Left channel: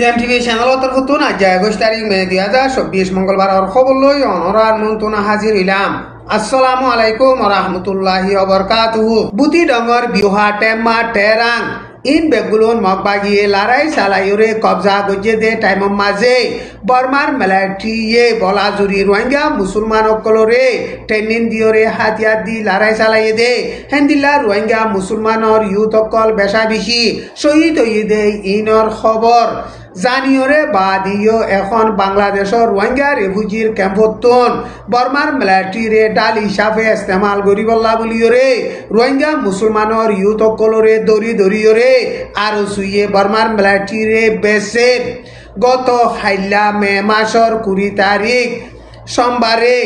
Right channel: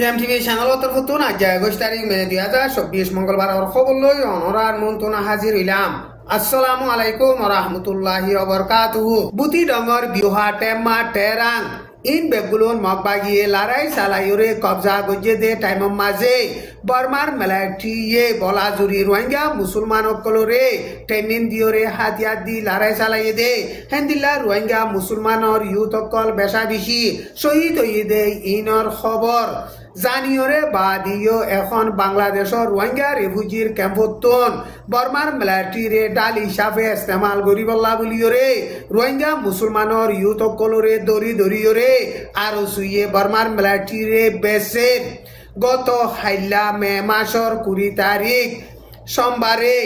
টিএমটিভি চ্যানেলতর নতুন আজ ২১ তারিখ মে ২০২৪ মঙ্গলবার খবর লই অনরার মন্তুনা হাজির হইলাম। আসসালামু আলাইকুম রহমতুল্লাহি ওবরকাতুহু। বুতি ডঙ্গর বিউহা টেম্মা টেরাং ইন বেগুলুন মগবাগিয়ে লড়াই চালাইরে কবজা গজে দে টাইম মাঝে বর্মার মিলিটারিয়ে বলাজুরি রোহিঙ্গা মুসলমান অকলরে ট্রেনিং দিয়রে হাতিয়ার দি লড়াই চালাই দে হেন্দিল্লা রোহিঙ্গা মুসলমানর ইউথ অকল বেশা বেশি শহীদ হয়ে দে ইনর খবর জানিয়রে বাদিও এখন বাংলাদেশের রোহিঙ্গা রেফিউজির ক্যাম্পতন বর্মার মিলিটারিরে ডাল হিসাবে ইস্তেমাল করিবল্লা বলিয়রে রোহিঙ্গা মুসলমানর ইউথ অকলরে দরি দরিয়রে আর সুইয়ে বর্মার মিলিটারিরে বেসের গত হাইলা মে মাসর ২০ তারিখ সোমবারে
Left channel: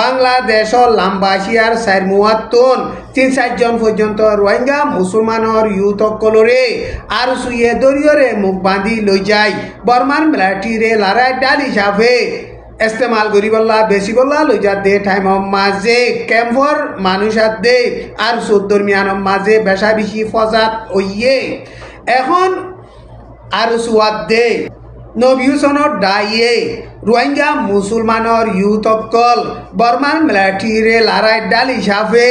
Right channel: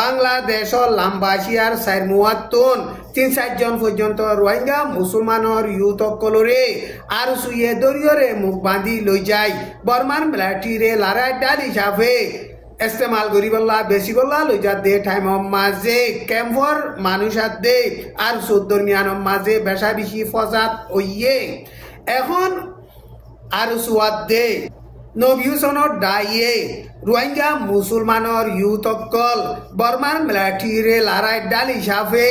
বাংলাদেশের লাম্বাসিয়ার ৪ জন পর্যন্ত রোহিঙ্গা মুসলমানর ইউথ অকলরে আর সুইয়ে দরিয়রে মুখ বাঁধি লই যায় বর্মার মিলিটারিরে লড়াই ডাল হিসাবে ইস্তেমাল করিবল্লা বেশি বল্লা লই যা দে টাইম মাঝে ক্যাম্পর মানুষ দে আর দরমিয়ান মাঝে বেশা বেশি ফজাত ওইয়ে এখন আর সুয়াদ দে নবিউসনর ডাইয়ে রোহিঙ্গা মুসলমানর ইউথ অকল বর্মার মিলিটারিরে লড়াই ডাল হিসাবে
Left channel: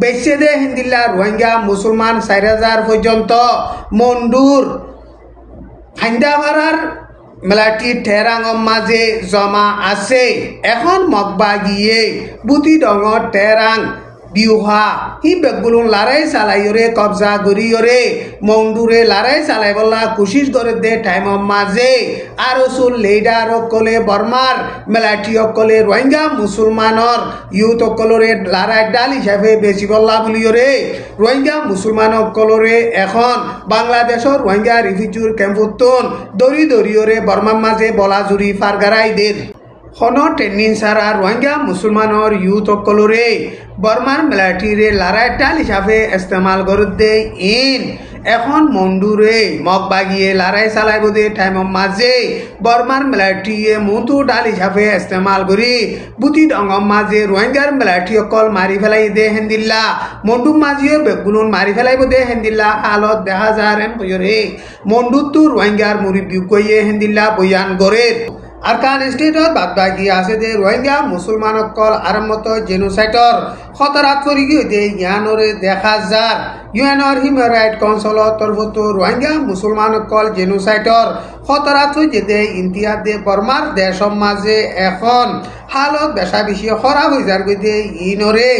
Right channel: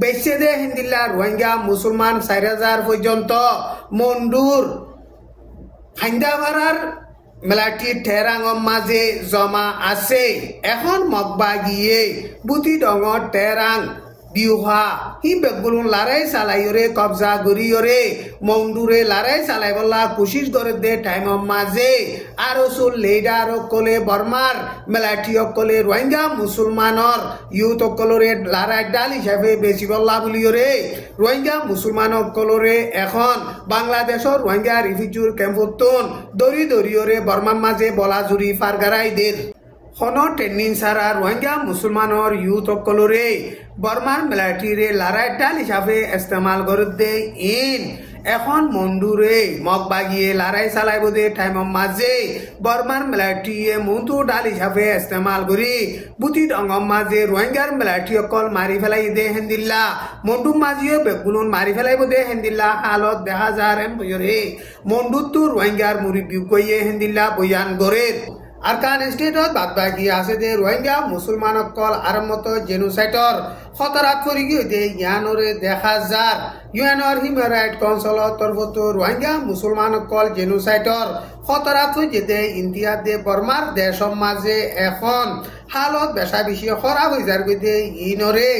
বেছে দে হিন্দিল্লা রোহিঙ্গা মুসলমান ৪,০০০ পর্যন্ত মন্ডুর হাইন্দাবাড়ার মিলিটারি টেরাং মাঝে জমা আছে। এখন মগবা গিয়ে বুতি ডঙর টেরাং বিউহা হি বেগুলুন লড়াই চালাইরে কবজা করিয়রে মন্ডুরে লড়াই চালাই বলা কোশিশ করে দে টাইম মাঝে আর সুল লিডার অকলে বর্মার মিলিটারি অকলে রোহিঙ্গা মুসলমানর ইউথ অকলরে লড়াই ডাল হিসাবে বেশি বল্লা বলিয়রে রোহিঙ্গা মুসলমান অকলরে এখন বাংলাদেশের রোহিঙ্গা রিফিউজির ক্যাম্পতন দরি দরিয়রে বর্মার মাঝে বলাজুরি ফারগারাই দের হনো ট্রেনিং সারা রোহিঙ্গা মুসলমানর ইউথ অকলরে বর্মার মিলিটারিরে লড়াই ডাল হিসাবে ইস্তেমাল করে দে ইন এখন মন্ডুরে মগবাগিয়ে লড়াই চালাইব দে টাইম মাঝে বর্মার মিলিটারিয়ে মন্তু ডাল হিসাবে ইস্তেমাল করি বুতি ডঙ্গম মাঝে রোহিঙ্গার মিলিটারি অকল মারি ফেলাই দে হেন্দিল্লা মন্ডুর মাঝিও বেগুলুন মারি ফেলাইব দে হেন্দিল্লা হালত দেখা যায় বইরে মন্ডুতো রোহিঙ্গার মুরিব্বি কইয়ে হেন্দিল্লা বয়ান গড়ে আরকান স্টেটত বাদবাকি আছে দে রোহিঙ্গা মুসলমান অকল আরম্ভত জেনোসাইডর খতরাত করি গিয়ে ইয়ানরে দেখা যার ইউএনর হিউম্যান রাইট কাউন্সিলর তরফত রোহিঙ্গা মুসলমান অকল জেনোসাইডর খতরাত হয়ে দে ইন্তিয়াদ দে বর্মার দেশ মাঝে এখন হালত বেশা বেশি খরাব হয়ে যার দে ইনরে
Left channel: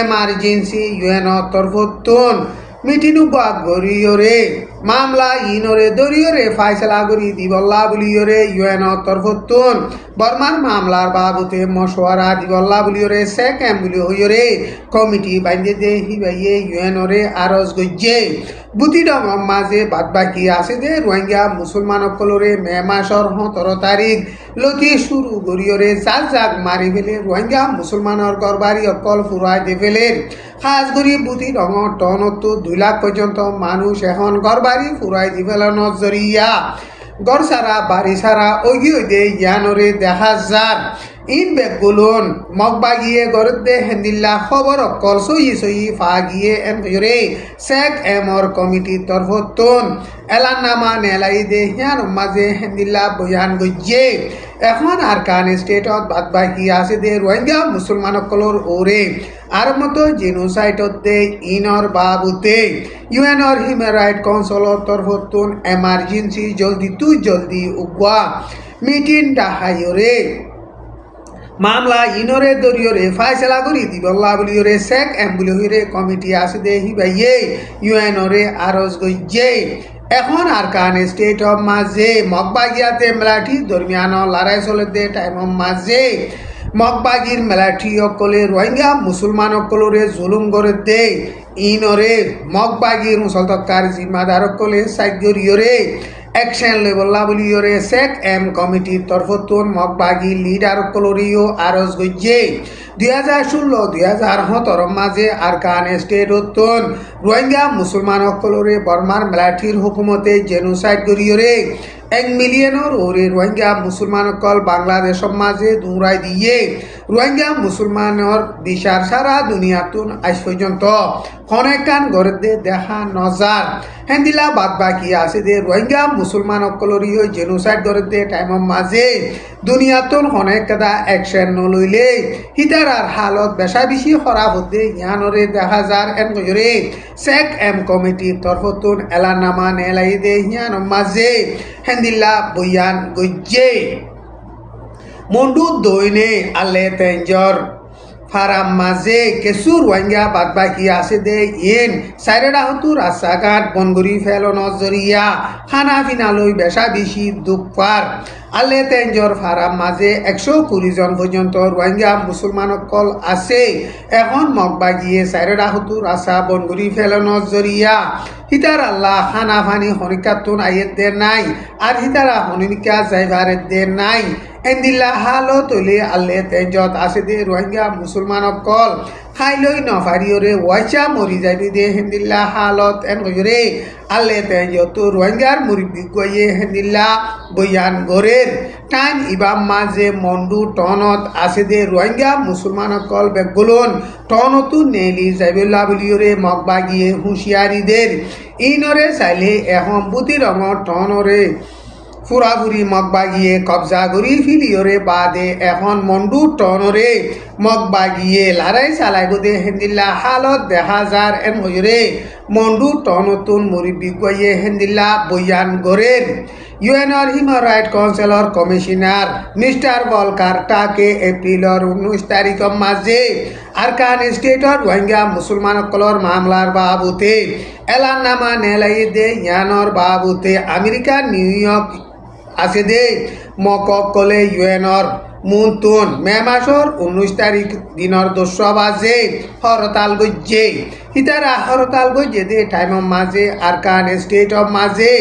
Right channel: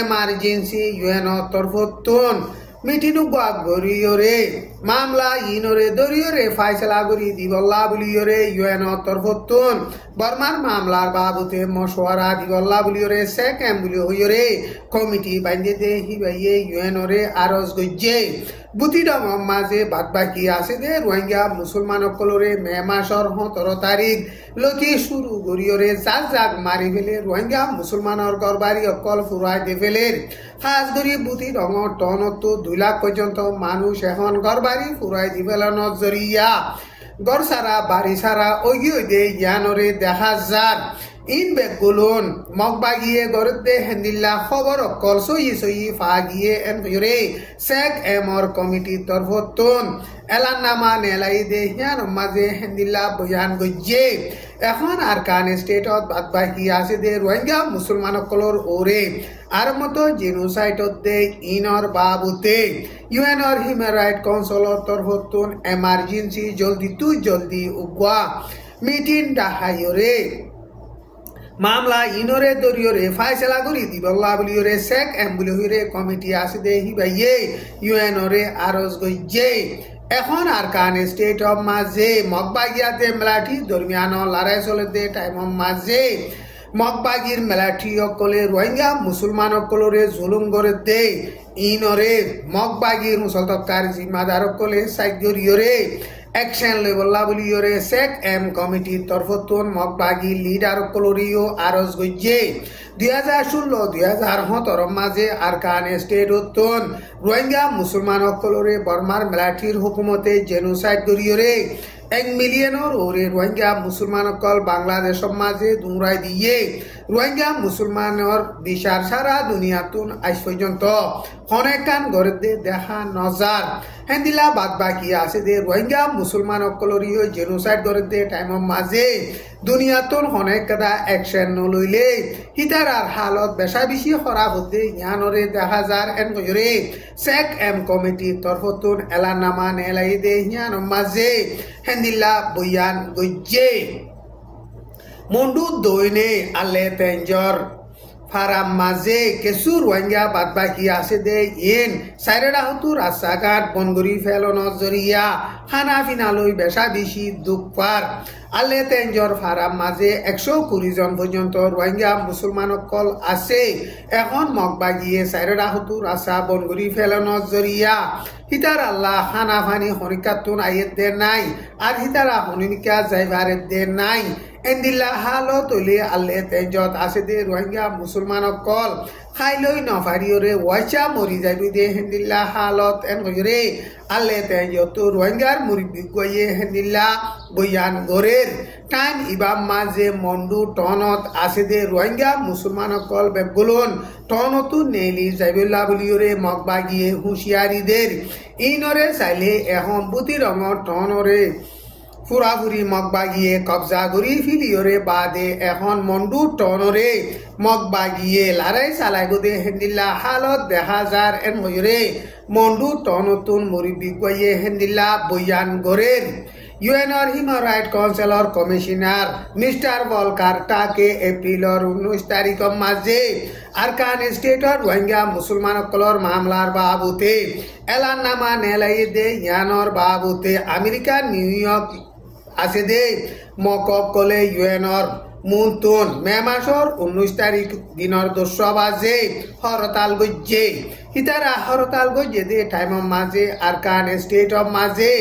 এমার্জেন্সি ইউএনর তরফত মিটিং গরিয়রে মামলা ইনরে দরিয়রে ফাইসলা করি দিবল্লা বলিয়রে ইউএনর তরফতুন বর্মার মামলার বাবুতে মশওয়ারা দিবল্লা বলিয়রে শেখ এম বলি হইয়রে কমিটি বান্ধে দে হিবাইয়ে ইউএনরে আরজ গজ্জে বুতি ডম মাঝে বাদবাকি আছে দে রোহিঙ্গা মুসলমান অকলরে মে মাসর ১৭ তারিখ লতি শুরু গরিয়রে জাক মারি ফেলে রোহিঙ্গা মুসলমানের গরবারি অকল ফুরাই দে ফেলে খাস করি বুতি ডঙর টনতো ২ লাখ পর্যন্ত মানুষ এখন গরবারি ফুরাই দি ফেলানোর জরিয়া গড় সারা বাড়ি সারা ওগিয়ে দে ইয়ানরে দেখা যার ইন বেগুলুন মগবাগিয়ে গরদে হেন্দিল্লা খবর অকল সই ফাগিয়ে এমরে শেখ এমর কমিটির তরফতুন এলানামা নেলাই দে হিয়ার মাঝে হেন্দিল্লা বয়ান গজ্জে এখন আরকান স্টেটত বাদবাকি আছে দে রোহিঙ্গা মুসলমান অকলর ওরে আর মতো জেনোসাইডতে ইনর বাবুতে ইউএনর হিউম্যান রাইট কাউন্সিলর তরফতুন এমার্জেন্সি জলদি উগা মিটিং ডাহাইরে মামলা ইনরে দরিয়রে ফাইসলা করি দিবল্লা বলিয়রে শেখ এম বলিয়রে কমিটি আছে দে হিবাইয়ে ইউএনরে আরজ গজ্জে এখন আরকান স্টেট অফ মাঝে মগবাগিয়াতে মিলিটারি দরমিয়ান লড়াই চলে দে টাইম মাঝে মগবাগির মিলিটারি অকলে রোহিঙ্গা মুসলমান অকলরে জুলুম করে দে ইনরে মগবাগির মুসলতকার জিম্মাদার অকলে সাইগরিয়রে অ্যাকশন লেবল্লা বলিয়রে শেখ এম কমিটির তরফতুন মগবাগি লিডার অকলরিও আরজ গজ্জে ২০১৬-২০১৭ মাঝে আরকান স্টেটতন রোহিঙ্গা মুসলমান অকলরে বর্মার মিলিটারির হুকুমতে জেনোসাইড করিয়রে ১ মিলিয়নের ওরে রোহিঙ্গা মুসলমান অকল বাংলাদেশের মাঝে দৌড়াই দিয়ে রোহিঙ্গা মুসলমানের দিশার সারা দুনিয়াতুন আজ পর্যন্ত অনেকখান গড়ে দেখা নজার হেন্দিলা বাদ বাকি আছে যে রোহিঙ্গা মুসলমান অকলরীয় জেনোসাইড গড়ে টাইমের মাঝে দুনিয়াতুন অনেক কাদা অ্যাকশন নলইলে হিতারার হালত বেশা বেশি খারাপ হতে ইয়ানরে দেখা যার এম গজরে সেক এম কমিটির তরফতুন এলানামা নেলাই দে ইয়ান মাঝে হেন্দিলা বয়ান গজ্জে মন্ডু দইনে আলে তেঞ্জর ফারাম মাঝে কিছু রোহিঙ্গা বাদ বাকি আছে দে ইন সাইরেডা হতু রাস্তাঘাট বনগুড়ি ফেলন জরিয়া খানা ফিনালই বেশা বেশি দুঃখার আলে তেঞ্জর ফারাম মাঝে 120 জন পর্যন্ত রোহিঙ্গা মুসলমান কল আছে এখন মগবাগিয়ে সাইরেডা হতু রাস্তা বনগুড়ি ফেলন জরিয়া হিতার আল্লাহ খানা ফানি হনিকাতুন আয়ের দে নাই আর হিতারা হনিকা যাইবারের দে নাই এন্দিল্লা হালত হলে আল্লে তেজত আছে দে রোহিঙ্গা মুসলমান কল খাইলই নফারিওরে ওয়াইচা মরি যাবি দে হেন্দিল্লা হালত এন গজরে আল্লে তেজত রোহিঙ্গার মুরিবি গয়ে হেন্দিল্লা বয়ান গরের টান ইবাম মাঝে মন্ডু টনত আছে দে রোহিঙ্গা মুসলমান কল বেগুলন টনতু নেলি যাবিল্লা বলিওরে মগবাগিয়ে হুঁশিয়ারিদের ইনরে চাইলে এখন বুতি রঙর টনরে ফুরাফুরি মগবাগিয়ে কবজা করি ফিলিওরে বাদে এখন মন্ডু টনরে মগবাগিয়ে লড়াই চালাই দে হেন্দিল্লা হালত দেখা যার এন ময়ূরে মন্ডু টনতুন মুরিবি গয়ে হেন্দিল্লা বয়ান গরের UNR human right councillor commissioner mister Volker টাকে এপ্রিলর 19 তারিখের মাঝে আরকান স্টেটর রোহিঙ্গা মুসলমান কলর মামলার বাবুতে এলাননামা নেলাই দে ইয়ানর বাবুতে আমেরিকা নিউ ইয়র্ক আছে দে মকক কলে ইউএনর মুনতুন মে মাসর 19 তারিখ দিনর 10 বাজে হরতাল গজ্জে হিতারা হরতাল গজ্জে দে টাইমের মাঝে আরকান স্টেটর মাঝে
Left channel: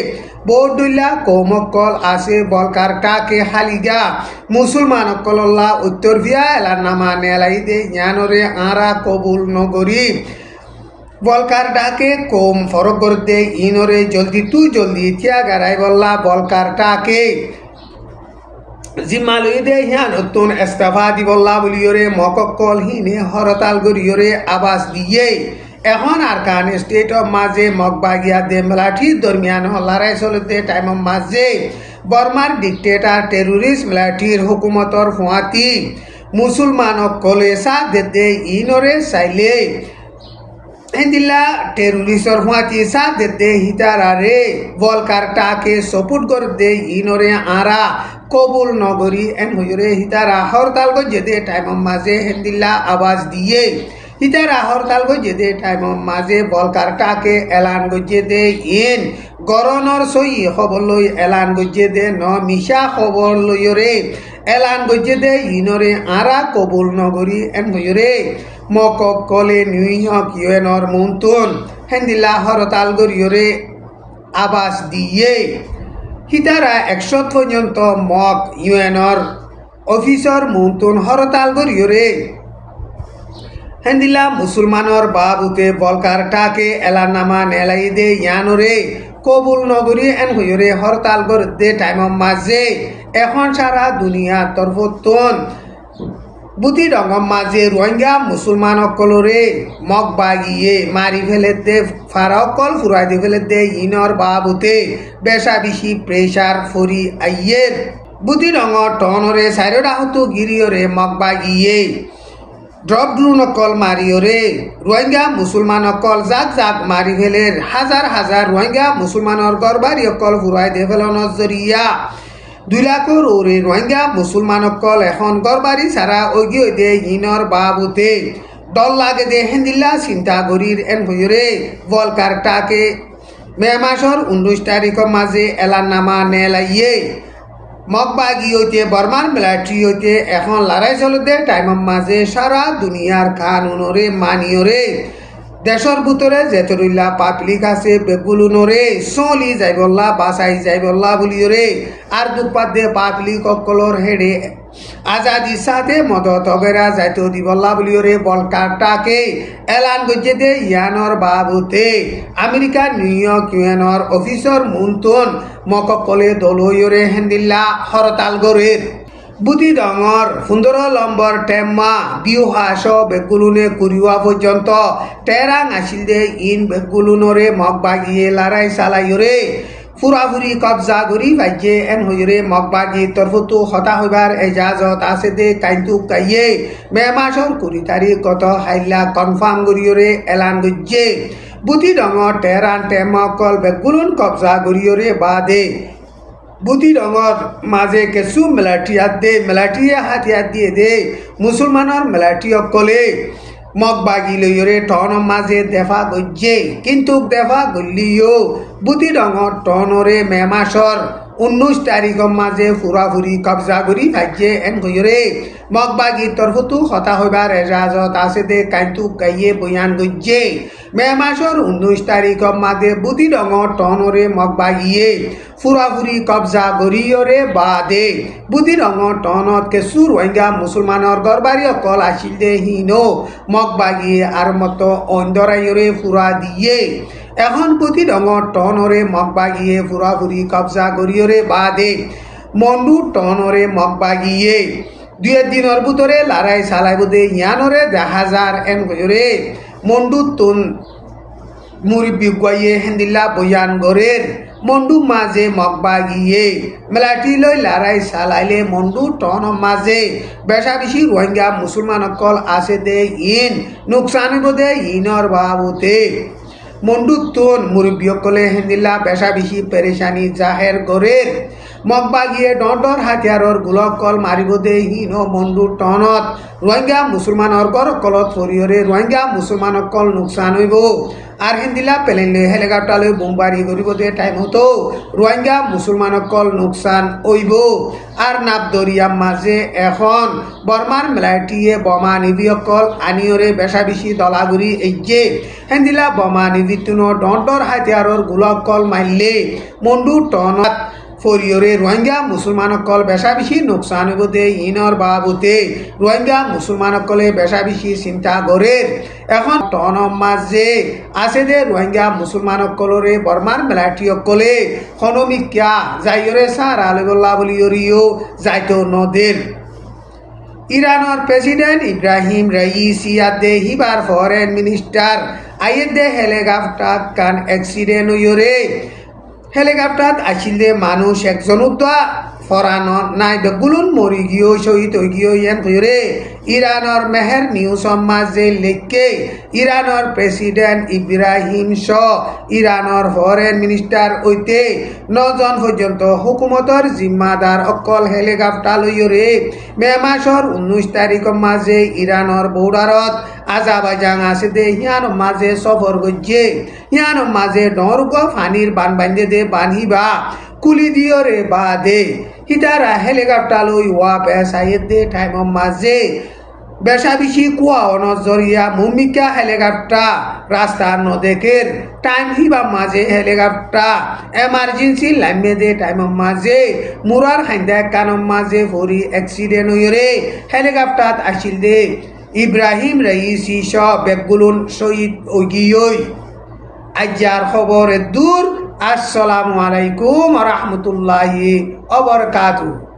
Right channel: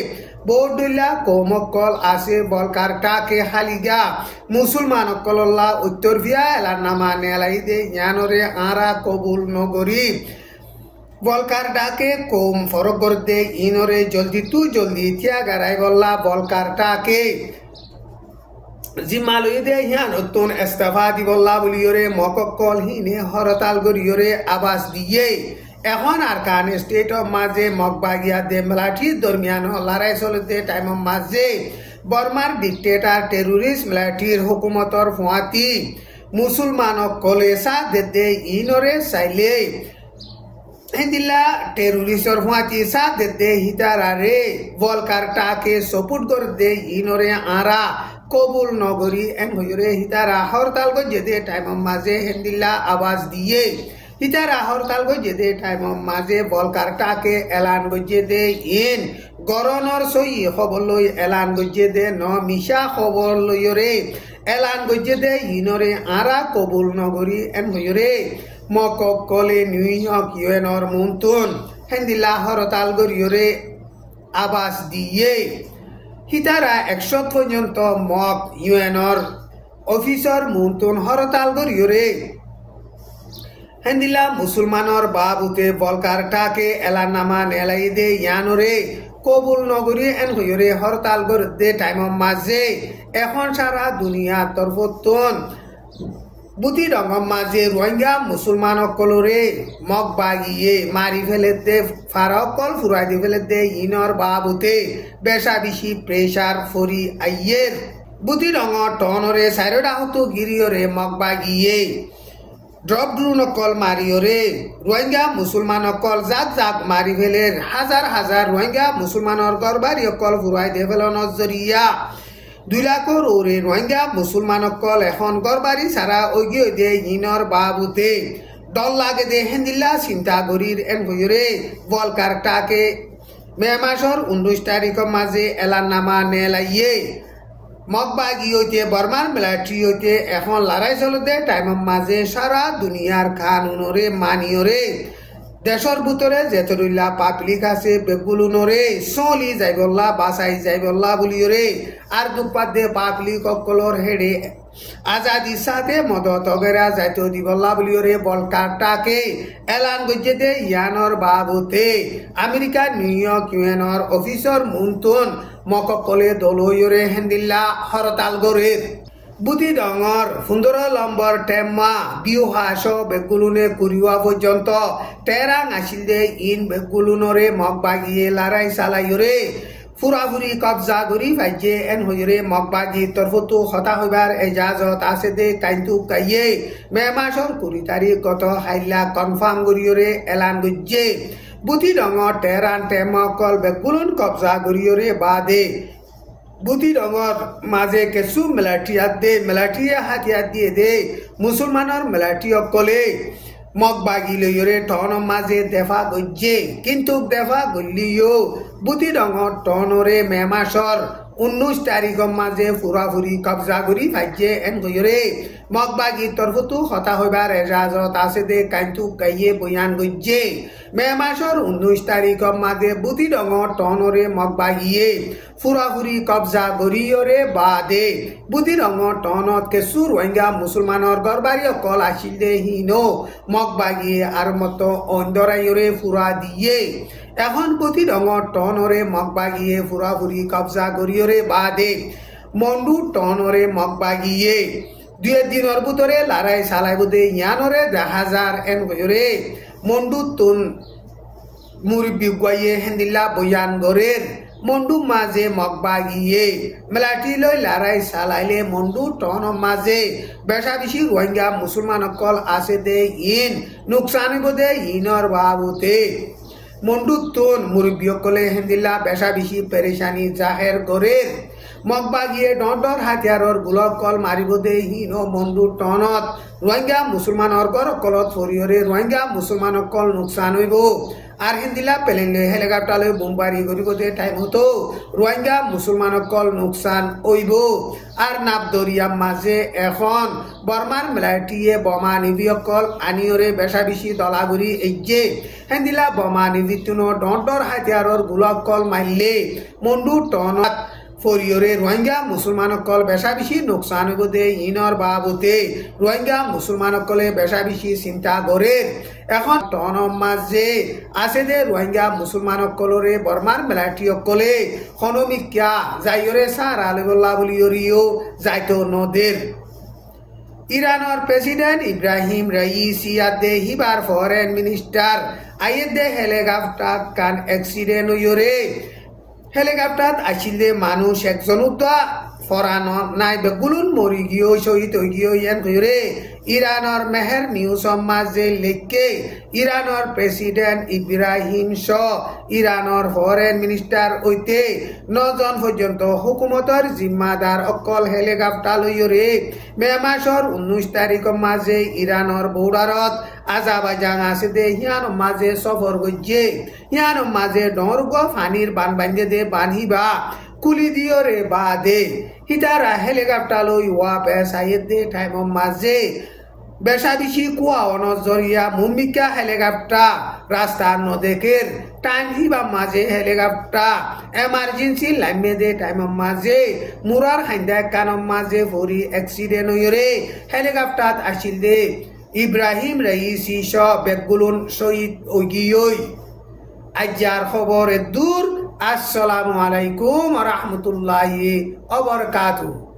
বৌদুল্লা কৌমকল আছে বলকার টাকে হালিগা মুসলমান কল্লা উত্তর ভিয়া এলাননামা নেলাই দে ইয়ানরে আরা কবুল নগরী বলকার ডাকে কম ফরক করতে ইনরে জলদি তুই জলদি থিয়া গারাই বললা বলকার টাকে জিম্মালই দে হিয়া নতুন ইস্তফা দিবল্লা বলিওরে মককল হিনে হরতাল গরিয়রে আবাস দিয়ে এখন আরকান স্টেটর মাঝে মগবাগিয়া দে মেলাঠি দরমিয়ান লড়াই চলতে টাইমের মাঝে বর্মার ডিক্টেটার টেরোরিস্ট মেলাঠির হুকুমতর ফুয়াতি মুসলমান কলে সাথ দেতে ইনরে চাইলে হেন্দিল্লা টেরোরিস্টর ফুয়াতি সাথ দেতে হিতারারে বলকার টাকে সপোর্ট করে দে ইনরে আরা কবুল নগরী এন হইরে হিতারা হরতাল গজে দে টাইমের মাঝে হেন্দিল্লা আওয়াজ দিয়ে হিতারা হরতাল গজে দে টাইমের মাঝে বলকার টাকে এলান গজে দে ইন গরনর সই খবর লই এলান গজে দে ন মিশা খবর লইরে এলান গজে দে ইনরে আরা কবুল নগরী এন হইরে মকক কলে নিউ ইয়র্ক ইউএনর মুনতুন হেন্দিল্লা হরতাল গরিয়রে আবাস দিয়ে হিতারা 100 পর্যন্ত মক ইউএনর অফিসর মুনতুন হরতাল গরিয়রে হেন্দিল্লা মুসলমানর বাবুতে বলকার টাকে এলাননামা নেলাই দে ইয়ানরে কবুল নগরী এন হইরে হরতাল গড়ে টাইমের মাঝে এখন সারা দুনিয়া তরফতন বুতি রঙম মাঝে রোহিঙ্গা মুসলমান অকলরে মগবাগিয়ে মারি ফেলেতে ফারাকল ফুরাই দি ফেলেতে ইনর বাবুতে বেশা বেশি প্রেশার ফুরি আইয়ের বুতি রঙর টনরে সাইরডা হতু গিরিয়রে মগবাগিয়ে ড্রপ ড্রোন অকল মারিওরে রোহিঙ্গা মুসলমান অকল জাক জাক মারি ফেলের হাজার হাজার রোহিঙ্গা মুসলমানর গরবারি অকল ফুরাই দি ফেলনের জরিয়া 2 লাখর ওরে রোহিঙ্গা মুসলমান অকল এখন গরবারি সারা ওগিয়ে দে ইনর বাবুতে দল লাগে দে হেন্দিল্লা চিন্তা গরির এন হইরে বলকার টাকে মে মাসর 19 তারিখের মাঝে এলাননামা নেলাইয়ে মগবাগিয়তে বর্মার মিলিটারিয়তে এখন লড়াই চলতে টাইমের মাঝে সারা দুনিয়ার কানুনরে মানিয়রে দেশর ভিতরে যেতরুল্লা পাবলিক আছে বেগুলুনরে চলি যাইবল্লা বাসাই যাইবল্লা বলিওরে আর দুপাত দে পাবলিক অকলর হেডে আজাদির সাথে মদত অগেরা যাইতো দিবল্লা বলিওরে বলকারটাকে এলান গজে দে ইয়ানর বাবুতে আমেরিকা নিউ ইয়র্ক ইউএনর অফিসর মুনতুন মককলে দলইরে হেন্দিল্লা হরতাল গরের বুটি ডঙর 15 নম্বর টেম্মা বিউহা সহ বেগুলুনে কুরিওয়া পর্যন্ত টেরাং আসিল দে ইন বেগুলুনরে মগবাগিয়ে লড়াই চালাইরে পুরাপুরি কবজা করি ভাইয়ে এন হইরে মগবাগি তরফতো হতা হইবার এজাজত আছে দে কাইন্তু কাইয়ে মে মাসর 20 তারিখ গত হাইলা কনফার্ম করিয়রে এলান গজ্জে বুটি ডঙর টেরান টেম্মা কল বেগুলুন কবজা করিয়রে বাদে বুটি ডঙর মাঝে কেঁচু মেলাটিয়া হাতিয়ার দিয়ে দে মুসলমানের মেলাটি অকলে মগবাগি লইরে টনৰ মাঝে দেখা গজ্জে কিন্তু দেখা গলিও বুটি ডঙৰ টনৰে মে মাসৰ 19 তাৰিখৰ মাঝে পুরাপুরি কবজা করি ভাইয়ে এন গইরে মগবাগি তরফতো হতা হইবার এজাজত আছে দে কাইন্তু কাইয়ে বয়ান গজ্জে মে মাসর 19 তাৰিখৰ মাঝে বুটি ডঙৰ টনৰে মগবাগিয়ে পুৰাপুৰি কবজা কৰিয়ৰে বাদে বুটি ডঙৰ টনত কেঁচু ৰোহিঙ্গা মুসলমানৰ গরবারি অকল আসিল দে হিনো মগবাগিয়ে আর মতো অন্দরাইরে ফুরা দিয়ে এখন বুটি ডঙর টনরে মগবাগিয়ে পুরাপুরি কবজা করিয়রে বাদে মন্ডু টনরে মগবাগিয়ে 2 দিনের ভিতরে লড়াই চালাইব দে ইয়ানরে দেখা যার এন গরে মন্ডু তুন মুরব্বী গয়ে হেন্দিল্লা বয়ান গরের মন্ডু মাঝে মগবাগিয়ে মেলাটি লই লড়াই চালাইলে মন্ডু টন মাঝে বেশা বেশি রোহিঙ্গা মুসলমান অকল আছে দে ইন নুকসান দে ইনর বাবুতে মন্ডু তুন মুরব্বী অকলে হেন্দিল্লা বেশা বেশি পেরেশানি জাহের গরের মগবাগিয়ে ডর হাতিয়ারর গোলকল মারিব দে হিনো মন্ডু টনত রোহিঙ্গা মুসলমানৰ গর কলত ফরিয়রে রোহিঙ্গা মুসলমান অকল নুকসান হইব আর হিন্দিলা পেলেন হেলিকপ্টারে বোমবারি করিব দে টাইম হতো রোহিঙ্গা মুসলমান অকল নুকসান হইব আর নাবদরিয়ার মাঝে এখন বর্মার মেলাটিয়ে বোমা নিবি অকল আনিয়রে বেশা বেশি দলাগুড়ি এজে হিন্দিলা বোমা নিবি তুনো ডর হাতিয়ারর গোলকল মারলে মন্ডু টনত ফরিয়রে রোহিঙ্গা মুসলমান অকল বেশা বেশি নুকসান হইব দে ইনর বাবুতে রোহিঙ্গা মুসলমান অকলে বেশা বেশি চিন্তা করে এখন টনৰ মাঝে আছে দে রোহিঙ্গা মুসলমান অকলরে বর্মার মেলাটি অকলে খনমিকা যাইরে সার আলবুল্লাহ বলিয়রিও যাইতো নদের ইরানের প্রেসিডেন্ট ইব্রাহিম রাইসি দে হিবার ফরেন মিনিস্টার আইয়ে দে হেলিকপ্টার কান অ্যাক্সিডেন্ট হইরে হেলিকপ্টার আসিল দে মানুষ একজন ফরানো নাই বেগুলুন মরি গিয়েও শহীদ হয়ে গিয়েও ইয়ান ধরে ইরানের মেহের নিউজ মাঝে লেখকে ইরানের প্রেসিডেন্ট ইব্রাহিম শাহ ইরানের ফরেন মিনিস্টার হইতে 9 জন পর্যন্ত হুকুমতর জিম্মাদার অকল হেলিকপ্টার লইরে মে মাসর 19 তাৰিখৰ মাঝে ইরানের বর্ডারত আজারবাইজান আছে দে হিয়ান মাঝে সফর গজ্জে হিয়ান মাঝে ডরগ ফানির বান বান্ধে দে বানিবা কুলি দিয়রে বাদে হিতারা হেলিকপ্টার লই ওয়া পেসাইয়ে দে টাইম মাঝে বেশা বেশি কুয়া নজরিয়া মুমিকা হেলিকপ্টার রাস্তা নদেকের টাইম হিবা মাঝে হেলিকপ্টার এমার্জেন্সি লাইমে দে টাইম মাঝে মুরার খাইন্দা কানম মাঝে ভরি অ্যাক্সিডেন্ট হইরে হেলিকপ্টার আসিল দে ইব্রাহিম রাইসি শাহ বেগুলুন শহীদ ওগিয়ই আজ্জার খবরে দূর আসসালামু আলাইকুম ওয়া রাহমাতুল্লাহি ওয়া বারাকাতুহু।